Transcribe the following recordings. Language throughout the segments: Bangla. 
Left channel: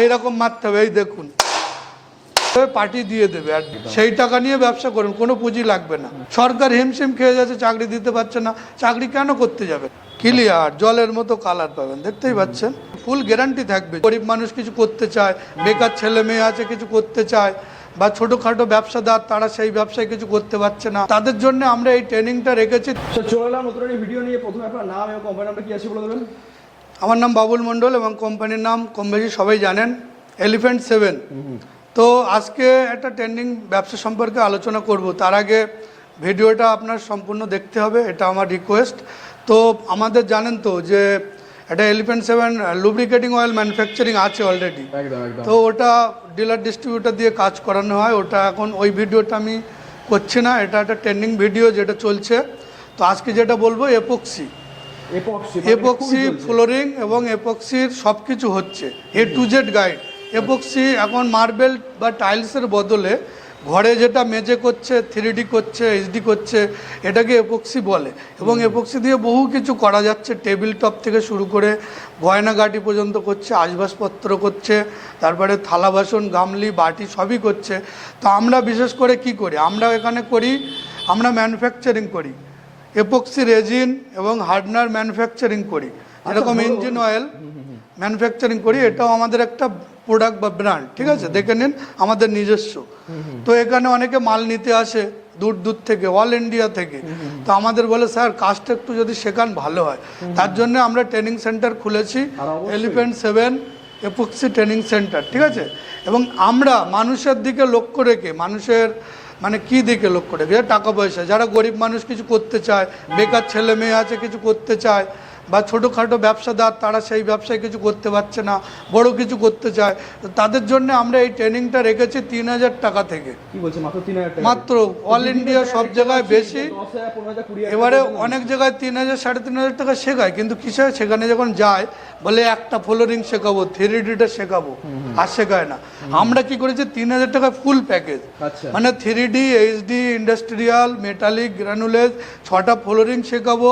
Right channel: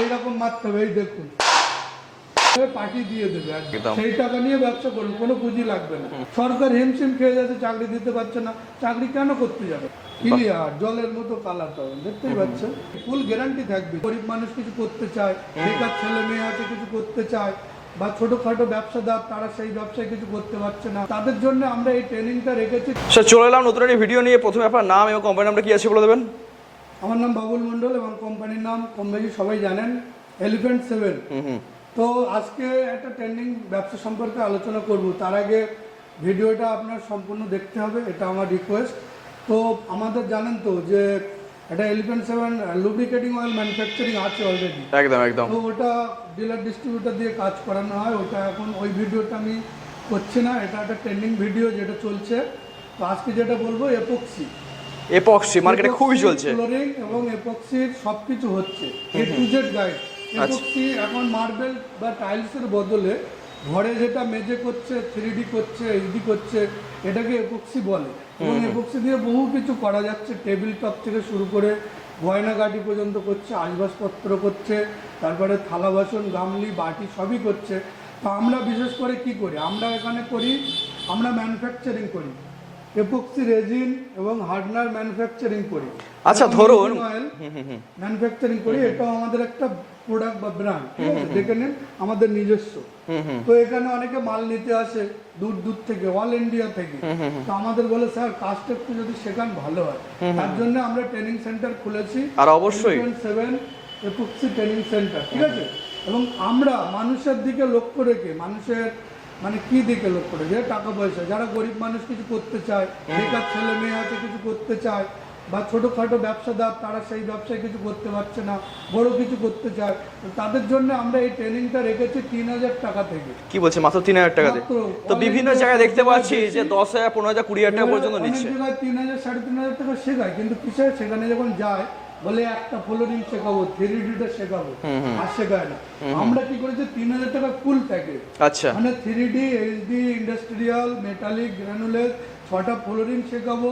এইরকম মারতে হবে, এই দেখুন পার্টি দিয়ে দেবে, আর সেই টাকা নিয়ে ব্যবসা করুন, কোনো পুঁজি লাগবে না। সরকার হিমশিম খেয়ে যাচ্ছে, চাকরি দিতে পারছে না, চাকরি কেন করতে যাবে? ক্লিয়ার জলের মতো কালার পাবেন, দেখতেই পাচ্ছেন। ফুল গ্যারান্টি থাকবে। গরিব মানুষ কিছু করতে চায়, বেকার ছেলে মেয়ে আছে কিছু করতে চায়, বা ছোটখাটো ব্যবসাদার তারা সেই ব্যবসায় কিছু করতে পারছে না, তাদের জন্য আমরা এই ট্রেনিংটা রেখেছি। স্যার চলে এলাম নতুন একটি ভিডিও নিয়ে। প্রথমে আপনার নাম এবং কোম্পানির নামটা কি আছে বলে দেবেন। আমার নাম বাবুল মণ্ডল এবং কোম্পানির নাম কম বেশি সবাই জানেন, এলিফ্যান্ট 7। তো আজকে একটা ট্রেন্ডিং ব্যবসা সম্পর্কে আলোচনা করব। তার আগে ভিডিওটা আপনার সম্পূর্ণ দেখতে হবে, এটা আমার রিকোয়েস্ট। তো আমাদের জানেন তো যে এটা এলিফ্যান্ট 7 লুব্রিকেটিং অয়েল ম্যানুফ্যাকচারিং আছে অলরেডি। একদম একদম। তো ওটা ডিলার ডিস্ট্রিবিউটার দিয়ে কাজ করানো হয়, ওটা এখন ওই ভিডিওটা আমি করছি না, এটা একটা ট্রেন্ডিং ভিডিও যেটা চলছে। তো আজকে যেটা বলবো এপক্সি মার্কেটে খুবই চলছে, ফ্লোরিং এবং এপক্সির সব কিছু হচ্ছে, এ টু জেড গাইড। এপক্সি এখন মার্বেল বা টাইলসের বদলে ঘরে যেটা মেঝে করছে, 3D করছে, HD করছে, এটাকে এপক্সি বলে। এবং এপক্সি দিয়ে বহু কিছু করা যাচ্ছে, টেবিল টপ থেকে শুরু করে গয়নাগাটি পর্যন্ত করছে, আসবাবপত্র করছে, তারপরে থালা বাসন গামলি বাটি সবই করছে। তো আমরা বিশেষ করে কি করি, আমরা এখানে করি, আমরা ম্যানুফ্যাকচারিং করি, এপক্সি রেজিন এবং হার্ডনার ম্যানুফ্যাকচারিং করি, ইঞ্জিন অয়েল ম্যানুফ্যাকচারিং করি। এটাও আমাদের একটা প্রোডাক্ট বা ব্র্যান্ড, ঠিক আছে, দেখে নিন, আমাদের নিজস্ব। তো এখানে অনেকে মাল নিতে আসে দূর দূর থেকে, অল ইন্ডিয়া থেকে। তো আমাদের বলে স্যার কাজটা একটু যদি শেখান ভালো হয়, তার জন্য আমরা ট্রেনিং সেন্টার খুলেছি, এলিফ্যান্ট 7 এপক্সি ট্রেনিং সেন্টার, ঠিক আছে। এবং আমরা মানুষের দিকে লক্ষ্য রেখে, মানুষের মানে কি দিকে লক্ষ্য রেখে, টাকা পয়সা, যারা গরিব মানুষ কিছু করতে চায়, বেকার ছেলে মেয়ে আছে কিছু করতে চায়, বা ছোটোখাটো ব্যবসাদার তারা সেই ব্যবসায় কিছু করতে পারছে না, বড় কিছু করতে চায়, তো তাদের জন্য আমরা এই ট্রেনিংটা রেখেছি 3000 টাকা থেকে। কি বলছে মাত্র 3000 টাকা? মাত্র অল ইন্ডিয়া সব জায়গায় বেশি, 10,000 15,000 20,000 টাকা এবারে পর্যন্ত অনেক জায়গায় 3000 3,500 টাকা শেখায়, কিন্তু কিসে সেখানে যখন যায় বলে একটা ফ্লোরিং শেখাবো, 3Dটা শেখাবো, আর শেখায় না। আমরা কি করেছি 3000 টাকা ফুল প্যাকেজ, আচ্ছা, মানে 3D HD ইন্ডাস্ট্রিয়াল মেটালিক গ্রানুলেজ 6টা ফ্লোরিং শেখাবো,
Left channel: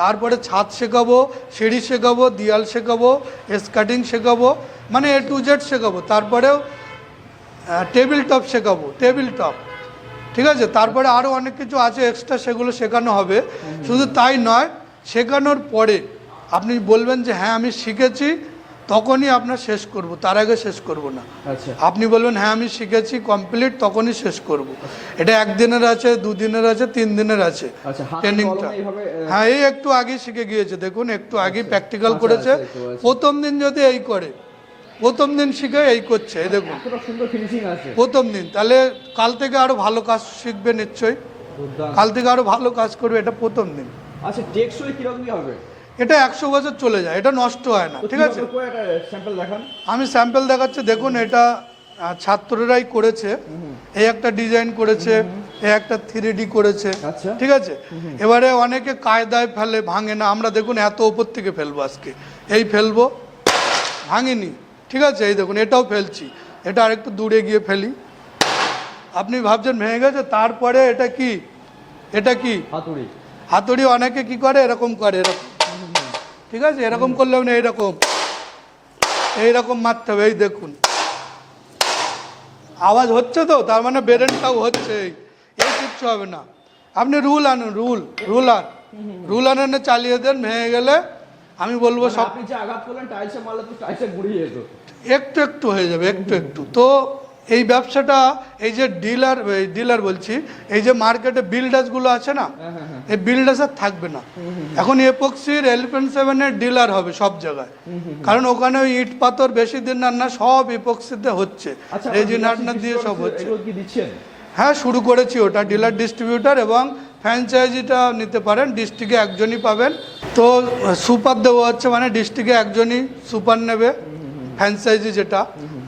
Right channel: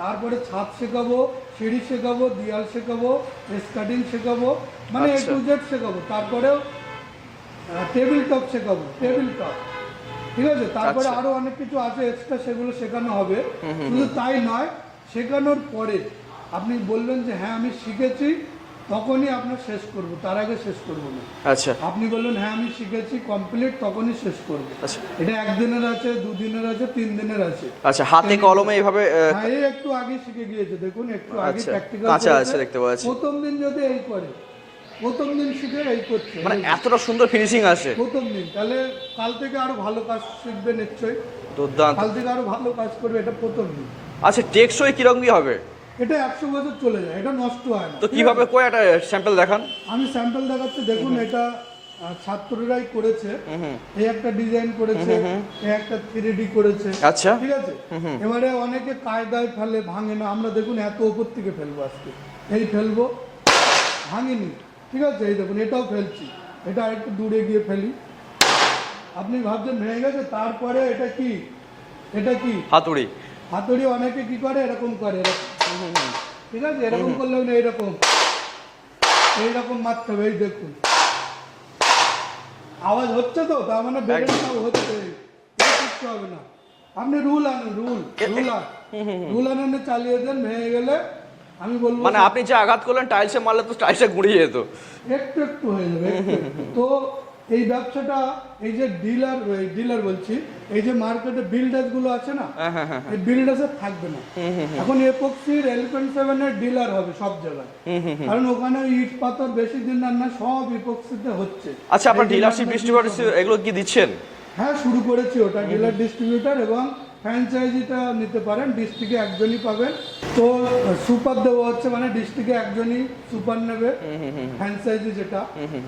তারপরে ছাদ শেখাবো, সিঁড়ি শেখাবো, দেয়াল শেখাবো, স্কাটিং শেখাবো, মানে A to Z শেখাবো, তারপরেও টেবিল টপ শেখাবো, টেবিল টপ, ঠিক আছে। তারপরে আরও অনেক কিছু আছে এক্সট্রা, সেগুলো শেখানো হবে। শুধু তাই নয়, শেখানোর পরে আপনি বলবেন যে হ্যাঁ আমি শিখেছি, তখনই আপনার শেষ করব, তার আগে শেষ করব না। আচ্ছা, আপনি বলবেন হ্যাঁ আমি শিখেছি কমপ্লিট, তখনই শেষ করব। এটা 1 দিনের আছে, 2 দিনের আছে, 3 দিনের আছে। আচ্ছা, হাতে কলমে এইভাবে? হ্যাঁ, এই একটু আগে শিখে গিয়েছে, দেখুন একটু আগে প্র্যাকটিক্যাল করেছে। প্রথম দিন যদি এই করে, প্রথম দিন শিখে এই করছে, এতটা সুন্দর ফিনিশিং আছে প্রথম দিন, তাহলে কাল থেকে আরো ভালো কাজ শিখবে নিশ্চয়ই, দুর্দান্ত, কাল থেকে আরো ভালো কাজ করবে, এটা প্রথম দিন। আচ্ছা, টেকসই কিরকম কি হবে? এটা 100 বছর চলে যায়, এটা নষ্ট হয় না। তো কিভাবে কই একটা স্যাম্পল দেখান। আমি স্যাম্পল দেখাচ্ছি, দেখুন এটা ছাত্ররাই করেছে, এই একটা ডিজাইন করেছে, এই একটা 3D করেছে, আচ্ছা, ঠিক আছে। এবারে অনেকে কায়দায় ফেলে, ভাঙে না, আমরা দেখুন এত উপর থেকে ফেলবো, আজকে এই ফেলবো, ভাঙিনি, ঠিক আছে। এই দেখুন এটাও ফেলছি, এটা আরেকটু দূরে গিয়ে ফেলি, আপনি ভাবছেন ভেঙে গেছে, তারপরে এটা কি, এটা কি হাতুড়ি। হাতুড়ি অনেকে কি করে, এরকম করে, এরকম, ঠিক আছে, এরকম করলে না, এইরকম এইরকম মারতে হবে, এই দেখুন আওয়াজ হচ্ছে, তো তার মানে বেরেনটাও হচ্ছে, এই কিচ্ছু হবে না। আপনি রুল আনুন, রুল আনেন, চালিয়ে দেন, ভেঙে গেলে আমি বলবো মানে আপনি যে আঘাত করলেন টাইলসে মারলে তো টাইলসে গুঁড়িয়ে যেত, একটু একটু হয়ে যাবে, একটু একটু। তো এই ব্যবসাটা, এই যে ডিলার বলছি, এই যে মার্কেটে বিল্ডার্সগুলো আছে না, এই বিল্ডার্সের থাকবে না, এখন এপক্সির এলিফ্যান্ট 7-এর ডিলার হবে সব জায়গায়, কারণ ওখানে ওই ইট পাথর বেশি দিন না, সব এপক্সিতে হচ্ছে। আচ্ছা, আপনারা ডিলারশিপ এগুলো কি দিচ্ছেন? হ্যাঁ, শুরু করেছি ওটা, ডিলার ডিস্ট্রিবিউটার এবং ফ্র্যাঞ্চাইজিটা নিতে পারেন, ডিস্ট্রিক্টে একজনই পাবেন। তো সুপার দেওয়া হচ্ছে, মানে ডিস্ট্রিক্টে একজনই সুপার নেবে, ফ্র্যাঞ্চাইজি যেটা,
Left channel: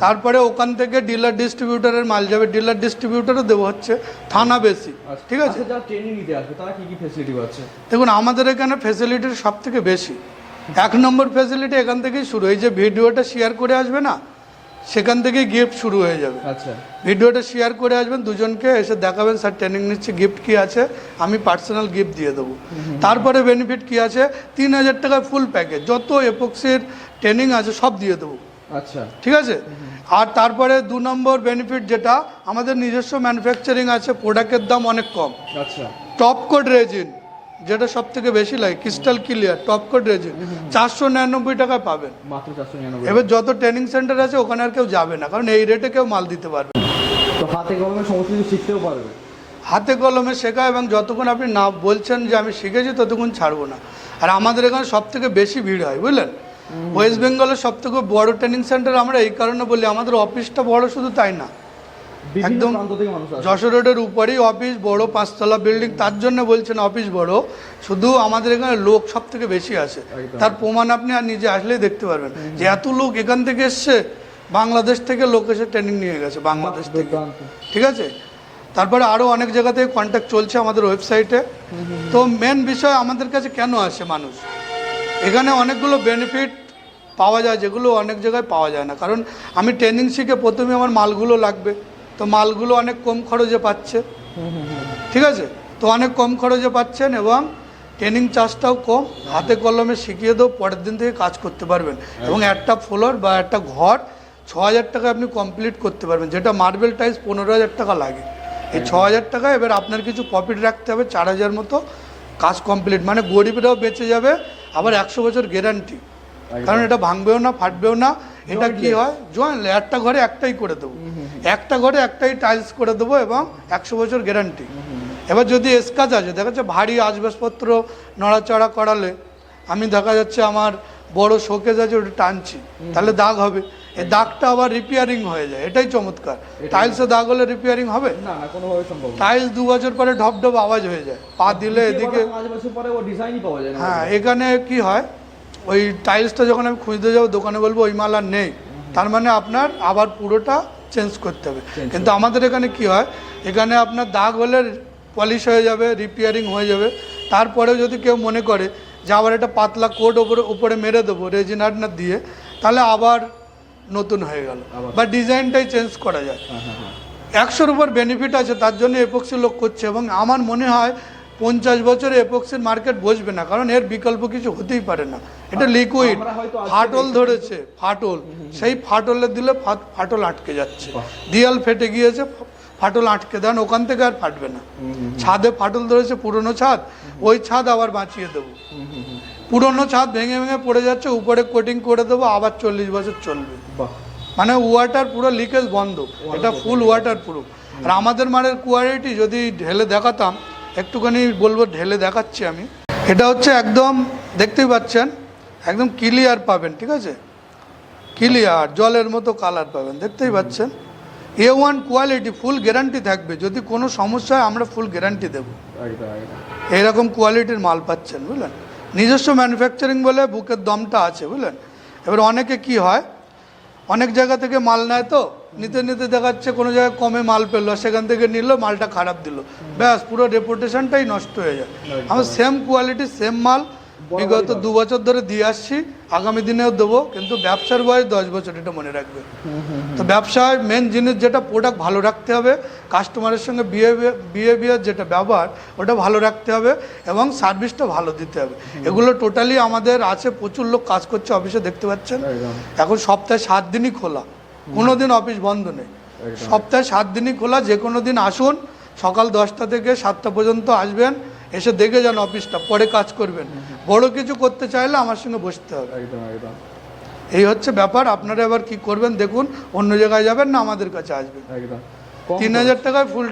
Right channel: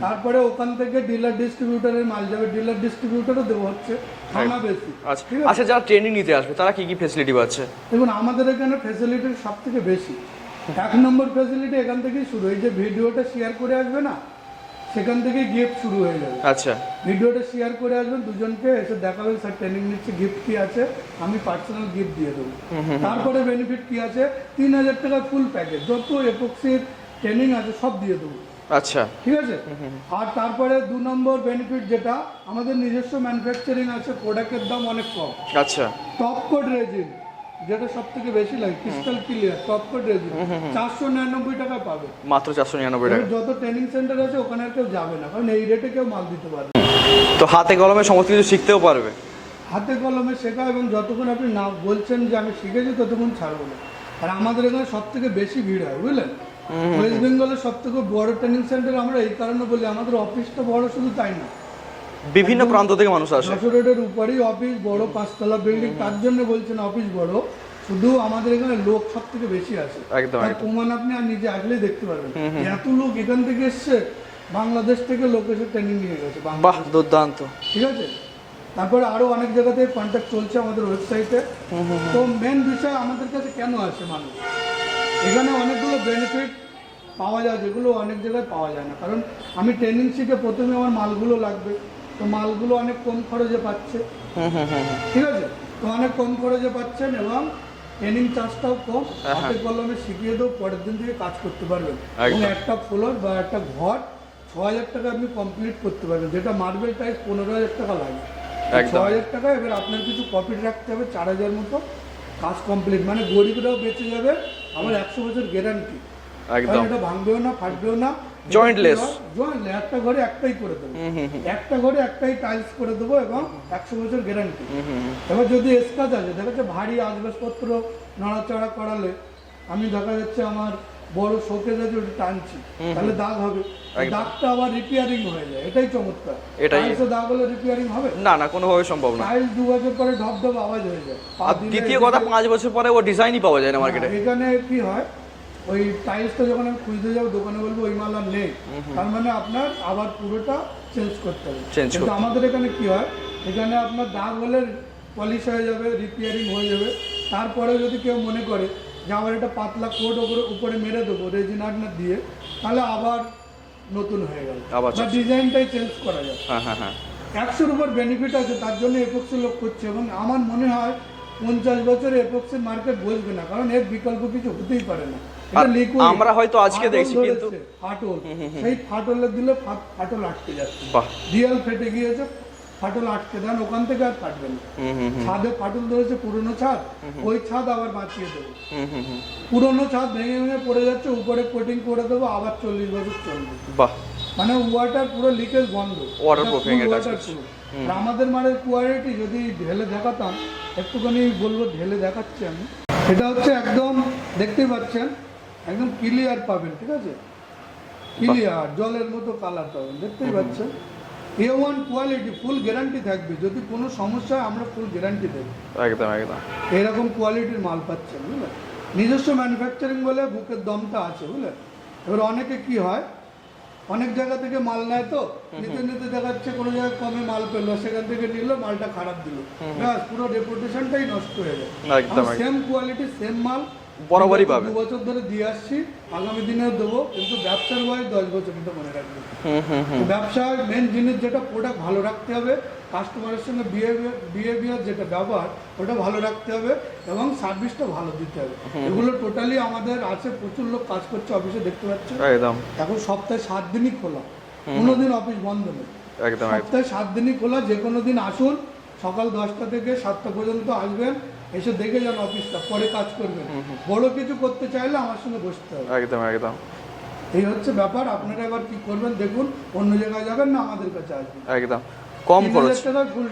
তারপরে ওখান থেকে ডিলার ডিস্ট্রিবিউটারের মাল যাবে, ডিলার ডিস্ট্রিবিউটারও দেওয়া হচ্ছে, থানা বেশি, ঠিক আছে। আচ্ছা, যারা ট্রেনিং নিতে আসবে তারা কি কি ফ্যাসিলিটি পাচ্ছে? দেখুন আমাদের এখানে ফ্যাসিলিটির সব থেকে বেশি, 1 নম্বর ফ্যাসিলিটি এখান থেকেই শুরু। এই যে ভিডিওটা শেয়ার করে আসবে না, সেখান থেকেই গিফট শুরু হয়ে যাবে। আচ্ছা, ভিডিওটা শেয়ার করে আসবেন, দুজনকে এসে দেখাবেন স্যার ট্রেনিং নিচ্ছে, গিফট কি আছে, আমি পার্সোনাল গিফট দিয়ে দেবো। তারপরে বেনিফিট কি আছে, 3000 টাকা ফুল প্যাকেজ, যত এপক্সির ট্রেনিং আছে সব দিয়ে দেবো। আচ্ছা, ঠিক আছে। আর তারপরে 2 নম্বর বেনিফিট যেটা, আমাদের নিজস্ব ম্যানুফ্যাকচারিং আছে, প্রোডাক্টের দাম অনেক কম। আচ্ছা, টপ কোড রেজিন যেটা সব থেকে বেশি লাগে, crystal clear top coat resin 499 টাকায় পাবেন, মাত্র 499 এবার টাকা। যত ট্রেনিং সেন্টার আছে ওখানে আর কেউ যাবে না, কারণ এই রেটে কেউ মাল দিতে পারবে না। তো হাতে কলমে সমস্ত কিছু শিখতেও পারবে। হাতে কলমে শেখা, এবং যতক্ষণ আপনি না বলছেন যে আমি শিখেছি ততক্ষণ ছাড়বো না। আর আমাদের এখানে সব থেকে বেশি ভিড় হয়, বুঝলেন। ওয়েস্ট বেঙ্গলের সব থেকে বড় ট্রেনিং সেন্টার আমরা এই কারণে বলি, আমাদের অফিসটা বড়, শুধু তাই না, বিভিন্ন একদম প্রান্ত থেকে মানুষ আসে। যশোর রোডের উপরেই অফিস, বড় 5তলা বিল্ডিং, তার জন্য বলছেন অফিস বড়, শুধু আমাদের এখানে লোক সব থেকে বেশি আসে। একদম, তার প্রমাণ আপনি আর নিজে আসলেই দেখতে পারবেন যে এত লোক এখান থেকে এসছে, বাংলাদেশ থেকে লোক এসে ট্রেনিং নিয়ে গেছে বাহ, বাংলাদেশ থেকে। দুর্দান্ত। ঠিক আছে। তারপরে আরও অনেক জায়গা থেকে কন্ট্যাক্ট চলছে আমাদের ওয়েবসাইটে। তো মেন বিষয় আমাদের কাছে কেন আসে মানুষ, এখানে অনেকগুলো বেনিফিট পাওয়া যায় যেগুলো অনেক জায়গায় পাওয়া যায় না। কারণ আমি ট্রেনিং শিখে প্রথমে আমার মালগুলো লাগবে, তো মালগুলো অনেক কম খরচে পাচ্ছে। ঠিক আছে। তো অনেক কম খরচে পাচ্ছেন এবং ট্রেনিং চার্জটাও কম, হাতে কলমে শিখিয়ে দেবো, পরের দিন থেকে কাজ করতে পারবেন। এবং একটা ফ্লোর বা একটা ঘর 6000 টাকায় আপনি কমপ্লিট করতে পারবেন, যেটা মার্বেল টাইলস 15000 টাকা লাগে। এই 6000 টাকা এবার আপনার কিছু প্রফিট রাখতে হবে, 4000 মতো কাজ কমপ্লিট, মানে গরিবরাও বেঁচে যাবে, আবার 100 বছর গ্যারান্টি, কারণ এটা ভাঙবেও না, ফাটবেও না। একটা ঘরে একটাই করে দেবো, একটা ঘরে একটাই টাইলস করে দেবো এবং 100 বছর গ্যারান্টি। এবার যদি এসকাজ আছে, দেখা যাচ্ছে ভারী আসবাবপত্র নড়াচড়া করালে, আমি দেখা যাচ্ছে আমার বড় শোকেজ আছে ওটা টানছি, তাহলে দাগ হবে, এই দাগটা আবার রিপেয়ারিং হয়ে যায়, এটাই চমৎকার। টাইলসে দাগ হলে রিপেয়ারিং হবে না, না, কোনোভাবে সম্ভব না। টাইলস 2 বছর পরে ঢপ ঢপ আওয়াজ হয়ে যায়, পা দিলে। 5 বছর পরে ও ডিজাইনই পাওয়া যায় না মার্কেটে। এখানে কি হয়, ওই টাইলসটা যখন আমি খুঁজতে যাবো দোকানে বলবো ওই মাল আর নেই, তার মানে আপনার আবার পুরোটা চেঞ্জ করতে হবে। কিন্তু আমাদের এখানে কি হয়, এখানে আপনার দাগ হলে পলিশ হয়ে যাবে, রিপেয়ারিং হয়ে যাবে, তারপরেও যদি কেউ মনে করে যে আবার একটা পাতলা কোট উপরে মেরে দেবো রেজিন হার্ডনার দিয়ে, তাহলে আবার নতুন হয়ে গেল, বা ডিজাইনটাই চেঞ্জ করা যায়। 100-র উপর বেনিফিট আছে, তার জন্য এপক্সি লোক করছে। এবং আমার মনে হয় 50 বছরে এপক্সির মার্কেট বসবে না, কারণ এর বিকল্প কিছু হতেই পারে না। এটা লিকুইড, আমরা হয়তো আজকে ফাটল ধরেছে, ফাটল, সেই ফাটলে দিলে ফাটল আটকে যাচ্ছে, দেয়াল ফেটে গিয়েছে, ফাটল আটকে দেন, ওখান থেকে আর ফাটবে না। ছাদে ফাটল ধরেছে, পুরনো ছাদ, ওই ছাদ আবার বাঁচিয়ে দেবো। পুরনো ছাদ ভেঙে ভেঙে পড়ে যাচ্ছে, উপরে কোটিং করে দেবো, আবার 40 বছর চলবে। মানে ওয়াটার পুরো লিকেজ বন্ধ, ওটা ফুল ওয়াটার প্রুফ। আর আমাদের মালের কোয়ালিটি যদি ঢেলে দেখাতাম, একটুখানি বলবো, ঢেলে দেখাচ্ছি আমি। এটা হচ্ছে একদম দেখতেই পাচ্ছেন, একদম ক্লিয়ার পাবেন। ঠিক আছে, ক্লিয়ার জলের মতো কালার পাবেন, দেখতেই পাচ্ছেন। A1 কোয়ালিটি, ফুল গ্যারান্টি থাকবে, যদি কোনো সমস্যা হয় আমরা ফুল গ্যারান্টি দেবো। একদম একদম এইরকম কোয়ালিটির মাল পাচ্ছেন, বুঝলেন। নিজস্ব ম্যানুফ্যাকচারিং বলে বুকের দমটা আছে, বুঝলেন। এবার অনেকে কি হয়, অনেক জায়গা থেকে মাল নেয়, তো নিতে নিতে দেখাচ্ছে কোনো জায়গায় কমে মাল পেলো, সেখান থেকে নিল, মালটা খারাপ দিল, ব্যাস পুরো রেপুটেশনটাই নষ্ট হয়ে যায়। আমি সেম কোয়ালিটি সেম মাল 2 বছর ধরে দিয়ে আসছি, আগামী দিনেও দেবো, কিন্তু ব্যবসার বয়স 10 বছর, এটা মনে রাখবে। তো ব্যবসায় মেন জিনিস যেটা, প্রোডাক্ট ভালো রাখতে হবে, কাস্টমারের সঙ্গে বিহেভিয়ার যেটা ব্যবহার, ওটা ভালো রাখতে হবে, এবং সার্ভিসটা ভালো দিতে হবে। এগুলো টোটালি আমাদের আছে, প্রচুর লোক কাজ করছে অফিসে, দেখতে পাচ্ছেন। এখন সপ্তাহে 7 দিনই খোলা, কোনো দিন অফিস বন্ধ নেই, সপ্তাহে 7 দিনই খোলা। যে কোনো দিন আসুন, সকাল 10টা থেকে 7টা পর্যন্ত আসবেন, এসে দেখে যান অফিসটা, পরে কাজ করবেন। বড় কিছু করতে চাইলে আমার সঙ্গে বসতে হবে। একদম একদম এই হচ্ছে ব্যাপার। আপনারা এবার কি করবেন দেখুন, অন্য জায়গায় যাবেন না, আমাদের কাছে আসবেন। একদম 3000 টাকায় ফুল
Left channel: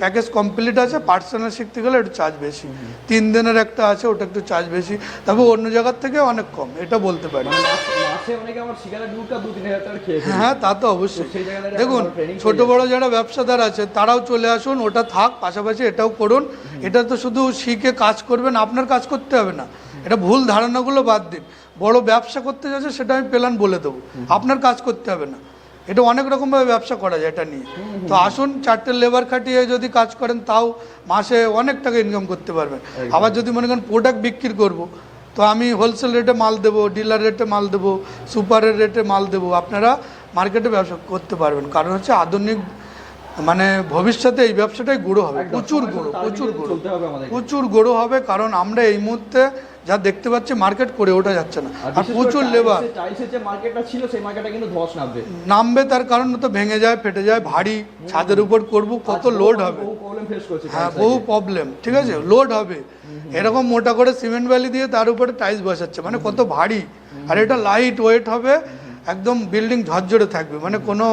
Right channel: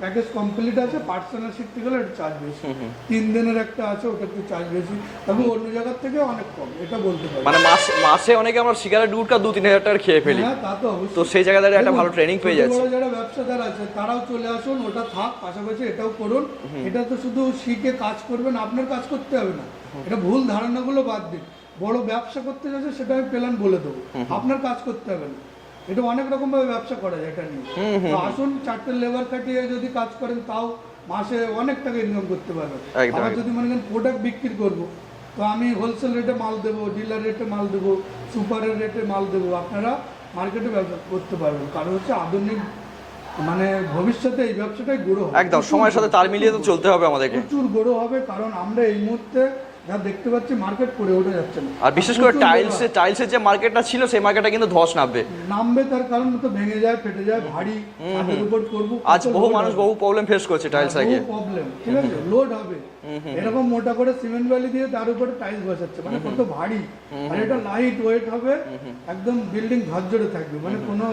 প্যাকেজ কমপ্লিট আছে। পার্সোনাল শিখতে গেলে একটু চার্জ বেশি, 3 দিনের একটা আছে, ওটা একটু চার্জ বেশি, তবে অন্য জায়গার থেকে অনেক কম, এটা বলতে পারি। মানে মাসে অনেকে আমরা সিগারেট গুটকা 2-3000 টাকা খেয়ে ফেলি। হ্যাঁ, তা তো অবশ্যই। তো সেই জায়গায় একটা ভালো ট্রেনিং পেয়ে ছোট বড় যারা ব্যবসাদার আছে তারাও চলে আসুন, ওটা থাক, পাশাপাশি এটাও করুন। এটা তো শুধু শিখে কাজ করবেন, আপনার কাজ করতে হবে না, এটা ভুল ধারণাগুলো বাদ দিন। বড় ব্যবসা করতে যাচ্ছে সেটা আমি প্ল্যান বলে দেবো, আপনার কাজ করতে হবে না। এটা অনেক রকমভাবে ব্যবসা করা যায় এটা নিয়ে। তো আসুন, 4টে লেবার খাটিয়ে যদি কাজ করেন, তাও মাসে অনেক টাকা ইনকাম করতে পারবেন। আবার যদি মনে করেন প্রোডাক্ট বিক্রি করব, তো আমি হোলসেল রেটে মাল দেবো, ডিলার রেটে মাল দেবো, সুপারের রেটে মাল দেবো, আপনারা মার্কেটে ব্যবসা করতে পারবেন। কারণ হচ্ছে আধুনিক মানে ভবিষ্যতে এই ব্যবসাটাই গ্রো হবে, একদম প্রচুর সময়ের সাথে grow, তাল প্রচুর মিলিয়ে তো grow। চলতে হবে আমাদেরকে। প্রচুর গ্রো হবে, কারণ আমরা এই মুহূর্তে যা দেখতে পাচ্ছি মার্কেট করে ওঠা যাচ্ছে না। আর বিশেষ করে প্রচুর labor টাইলসের যে মার্কেটটা ছিল সেই মার্কেটটা কিন্তু ধস নামবে। নামবে, তার কারণ তো ভেঙে যায়, ফেটে যায়, ভারী ছাদের উপর করবো, আজ কত লোড হবে, বহু প্রবলেম ফেস করছে টাইলস বহু প্রবলেম, ঠিক আছে, লোড হবে। এরকম মোটা করে সিমেন্ট বালি দিয়ে তার উপরে টাইলস বসাচ্ছে, মানে কত ভারী, আর এটা লাইট ওয়েট হবে, একদম বিল্ডিং ঝরঝরে থাকবে, মানে কোনো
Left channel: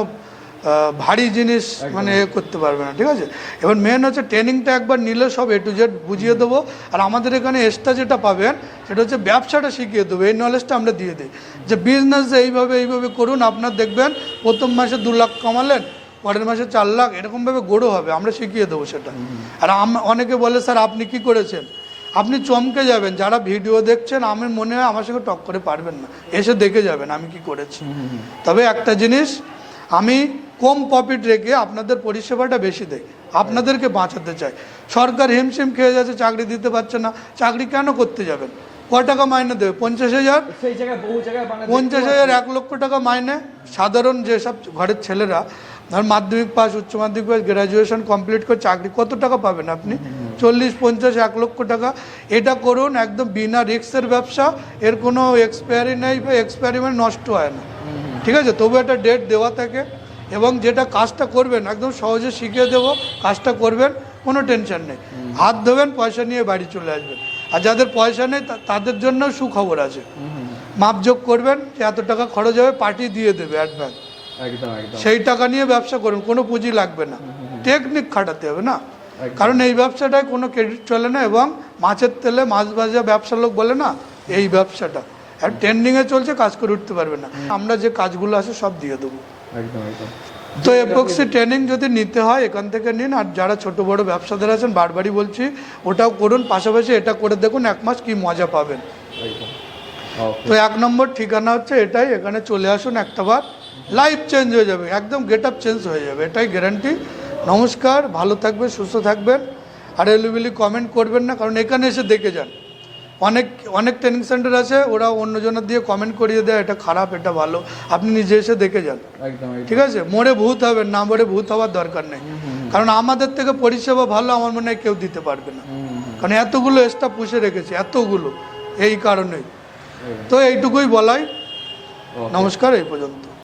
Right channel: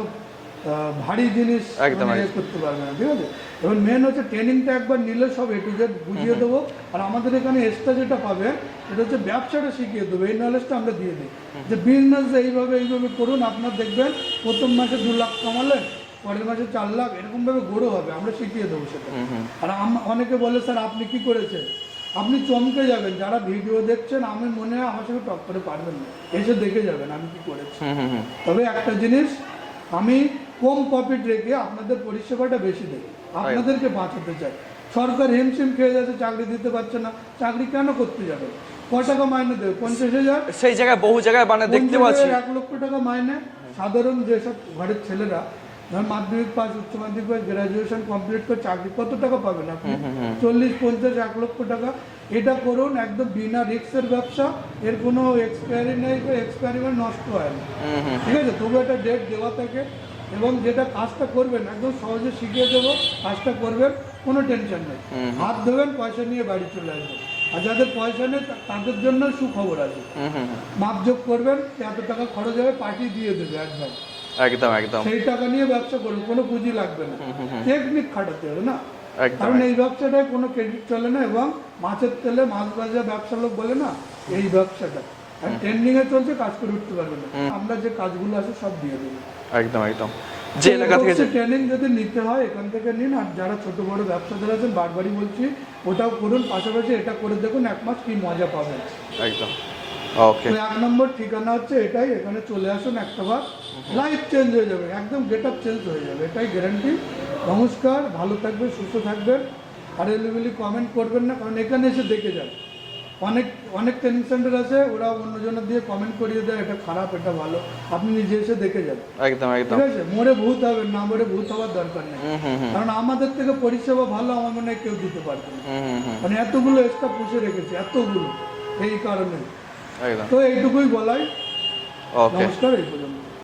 ভারী জিনিস মানে করতে পারবে না, ঠিক আছে। এবার মেন হচ্ছে ট্রেনিংটা একবার নিলে সব A to Z বুঝিয়ে দেবো, আর আমাদের এখানে এক্সট্রা যেটা পাবেন সেটা হচ্ছে ব্যবসাটা শিখিয়ে দেবো, এই নলেজটা আমরা দিয়ে দিই যে বিজনেস এইভাবে করুন, আপনার দেখবেন প্রথম মাসে 2 লাখ কামালেন, পরের মাসে 4 লাখ, এরকমভাবে গড়ো হবে, আমরা শিখিয়ে দেবো সেটা। আর অনেকে বলে স্যার আপনি কি করেছেন, আপনি চমকে যাবেন, যারা ভিডিও দেখছেন আমার মনে হয় আমার সঙ্গে টক করে পারবেন না, এসে দেখে যাবেন আমি কি করেছি। তবে একটা জিনিস, আমি কম প্রফিট রেখে আপনাদের পরিষেবাটা বেশি দেই, আপনাদেরকে বাঁচাতে চাই। সরকার হিমশিম খেয়ে যাচ্ছে, চাকরি দিতে পারছে না, চাকরি কেন করতে যাবেন? ক টাকা মাইনে দেবে? 50,000। সেই জায়গায় বহু জায়গায় মানে 50,000 1 লক্ষ টাকা মাইনে। সাধারণ যেসব ঘরের ছেলেরা ধর মাধ্যমিক পাস, উচ্চ মাধ্যমিক পাস, গ্রাজুয়েশন কমপ্লিট করে চাকরি কত টাকা পাবেন আপনি? 40, 50, 1 লক্ষ টাকা। এটা করুন, একদম বিনা রিস্কের ব্যবসা, এর কোনো এক্সপায়ারি নেই বা এক্সপায়ারি নষ্ট হয় না, ঠিক আছে। তবু একটা ডেট দেওয়া থাকে, এবং যেটা কাজটা করবেন একদম সহজে শিখিয়ে দেবো, কাজটা করবেন, কোনো টেনশন নেই, হাত ধোবেন, পয়সা নিয়ে বাড়ি চলে আসবেন। আর যাদের পয়সা নেই তাদের জন্য সুখবর আছে, মাপযোগ করবেন যে এত টাকা খরচ হবে, পার্টি দিয়ে দেবে অ্যাডভান্স, একদম একদম সেই টাকা নিয়ে ব্যবসা করুন, কোনো পুঁজি লাগবে না, টেকনিক খাটাতে হবে না, কারণ এই ব্যবসাটায় কোনো ক্রেডিট চলে না, এবং মাছের তেলে মাছ ভাজা ব্যবসার লোক বলে না, এই ব্যবসাটা আর ট্রেন্ডিংয়ে চলছে, কাজ করে উঠতে পারবে না। আমরা যে কাজগুলো আছে সব দিয়ে দেবো, একদম একদম। যে এপক্সি ট্রেনিং যদি নিতে হয় এখান থেকে নিন, আর যারা ছোট বড় ব্যবসাদার আছেন বারবারই বলছি ওটাও করুন, পাশাপাশি এটা করে দেখুন, 1 মাস কি মজা পাবেন। একদম ওকে। তো 1 নম্বর ঠিকানা হচ্ছে এটাই, এখানে চলে আসুন, একটাবার লাইফ চেঞ্জ হয়ে যাবে, একদম গেট আপ চেঞ্জ হয়ে যাবে, এটাই গ্যারান্টি। নমস্কার, ভালো থাকবেন, সুস্থ থাকবেন, আর এলিবিলি কমেন্ট করবেন না, কারণ এখানে এসে দেখে যান। অনেক ট্রেনিং সেন্টার আছে, ওরা অন্যজনের দিয়ে কমেন্ট করিয়ে দেয় এটা খারাপ এটা ভালো, আপনি নিজে এসে দেখে যান, একদম একদম ঠিক আছে। মোড়ে ভূত হবেন না, মোড়ে ভূত হওয়ার দরকার নেই, কারণ আমাদের থেকে পরিষেবা ভালো আমার মনে হয় কেউ দিতে পারবে না, কারণ এতগুলো স্টাফ পুষে রেখেছি, এতগুলো, এই কারণেই। একদম। তো এইটুকুই বলাই, ওকে। নমস্কার, এই পর্যন্ত।